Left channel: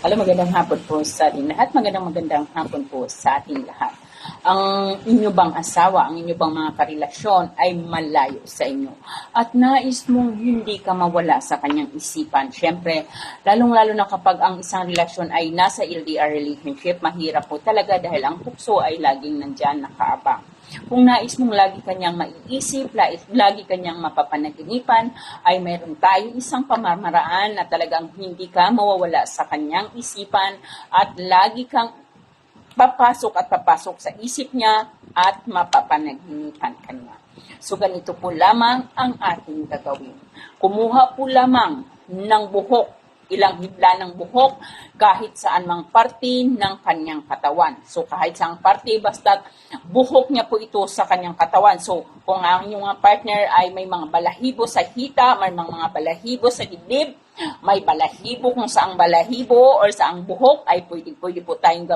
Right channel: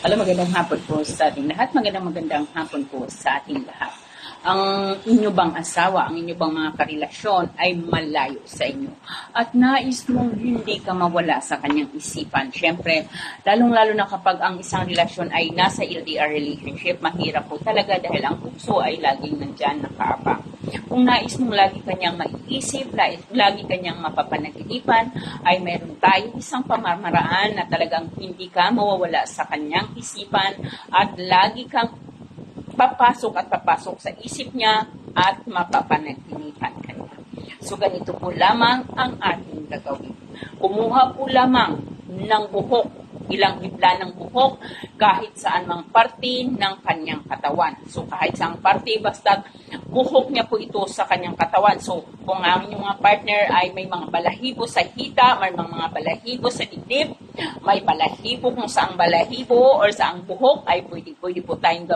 Magandang hapon po sa ating lahat. Magandang hapon po sa ating lahat. Ang inyo bang asawa, ang inyo bang mga karelasyon ay malayo sa inyo at nais mong hindi ka mawala sa kanyang isipan. Siyempre, lalong-lalo na kapag ang isang relasyon ay nasa LDR relationship, mahirap po talaga dahil ang tukso ay laging nandyan nakaabang. Kung nais mong lagi kanyang maiisip, lagi kanyang mapapanaginipan, ay meron tayong isang pamamaraan na talagang hindi ka mawawala sa kanyang isipan at lagi kang papasok sa isip niya at mapapanaginipan kanya. So ganito po lamang ang ating gagawin. Kumuha po lamang ng buhok, ilang hibla ng buhok, kahit saan mang parte ng kanyang katawan. So kahit saan parte, basta buhok niya po ito sa kanyang katawan. So kung ang inyong partner ay may mga balahibo sa hita, may mga balahibo sa dibdib, may balahibo kung saang balahibo or saang buhok, ay pwede po tayong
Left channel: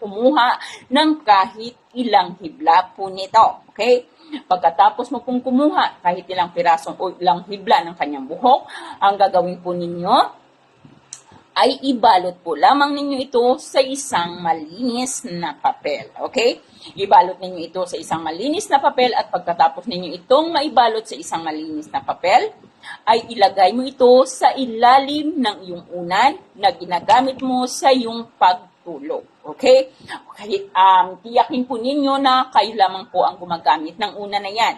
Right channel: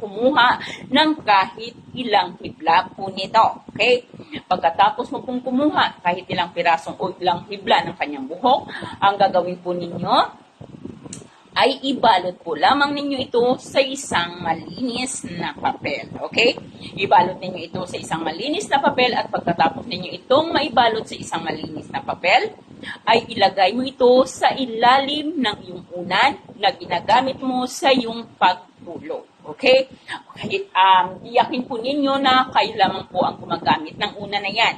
kumuha ng kahit ilang hibla po nito. Okay? Pagkatapos mo pong kumuha kahit ilang pirasong o ilang hibla ng kanyang buhok, ang gagawin po ninyo ay ibalot po lamang ninyo ito sa isang malinis na papel. Okay? Ibalot ninyo ito sa isang malinis na papel at pagkatapos ninyo itong maibalot sa isang malinis na papel, ay ilagay mo ito sa ilalim ng iyong unan na ginagamit mo sa iyong pagtulog. Okay? Tiyakin po ninyo na kayo lamang po ang gumagamit ng unan na yan.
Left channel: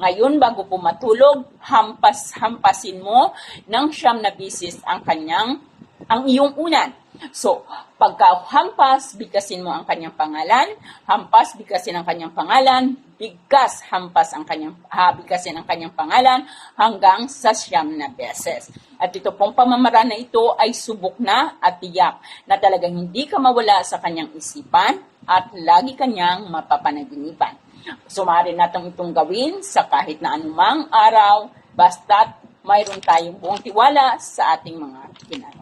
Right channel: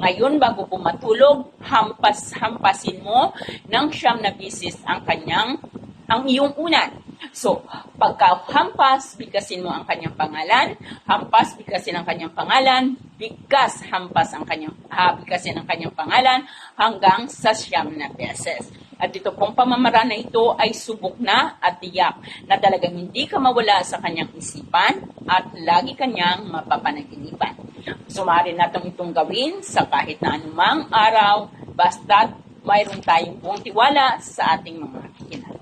Ngayon, bago po matulog, hampasin mo ng 9 na bisis ang iyong unan. So, pagka-hampas, bigkasin mo ang kanyang pangalan, hampas, bigkasin ang kanyang pangalan, bigkas, hampas ang bigkasin ang kanyang pangalan, hanggang sa 9 na beses. At ito pong pamamaraan na ito ay subok na at tiyak na talagang hindi ka mawala sa kanyang isipan at lagi kanyang mapapanaginipan. So, maaari natin itong gawin sa kahit na anumang araw, basta mayroon tayong buong tiwala sa ating mga kinala.